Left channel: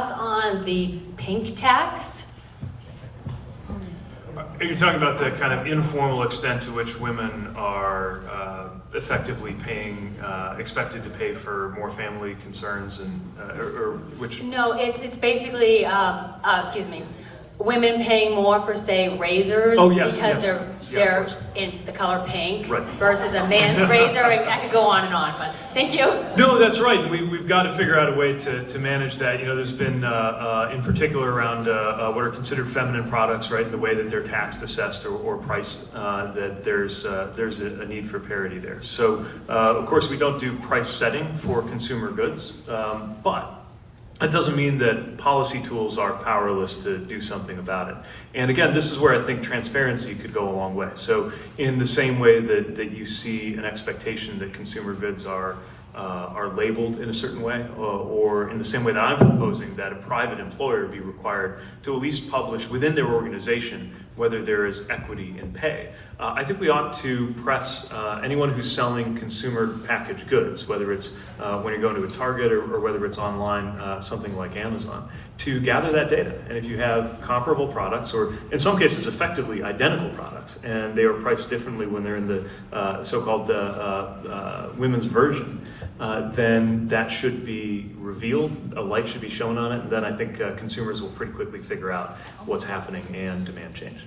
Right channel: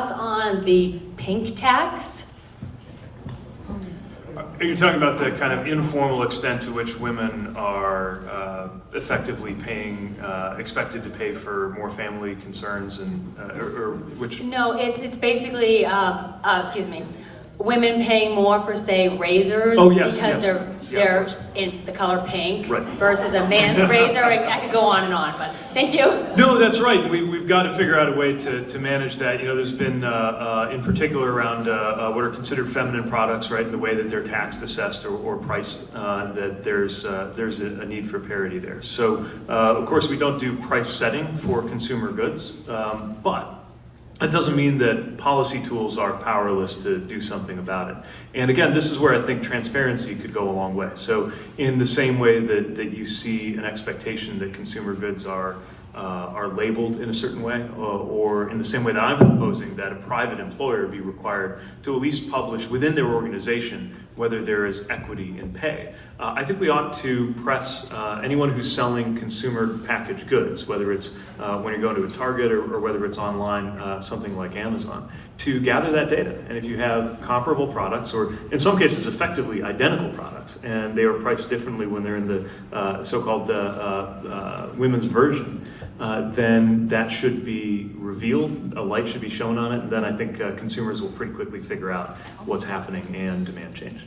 thoughts on the pink tax? Are you talking about the kind of informal extent to which women are effectively paying, expected to pay for more family concerns, and or which? No, it's basically, excuse me, women paying more for, say, razors. Oh, yes, because yes. they're in the color pink, Right. versus a man's razor. I could go on and on, but thank you. No, that's right. We've got to figure out a way to manage that. You know, there's been, in particular around what are considered feminine products, right, and the way that they're taxed, assessed, or priced, that there's a need for parity there. So, of course, we don't do price setting for consumer goods, but that doesn't mean that policy tools are powerless to do something about it. And again, this is where I think transparency could go a long way. So in the same way that you see an expectation that consumer goods are labeled in a certain way, or in the same way that I'm proposing that a private employer be required to at least publish within their organization whether there is equity in pay. I think we ought to press anyone who's selling consumer packaged goods, whether it's when you go to a Target or whether it's online, something like Amazon, to gather that data. And if you have comparable products, or in some cases effectively identical products, and they are priced differently when they're in the so-called women's version, then that should be revealed, a light should be shown on it, and then I think consumers will pretty quickly figure out what's happening and demand change.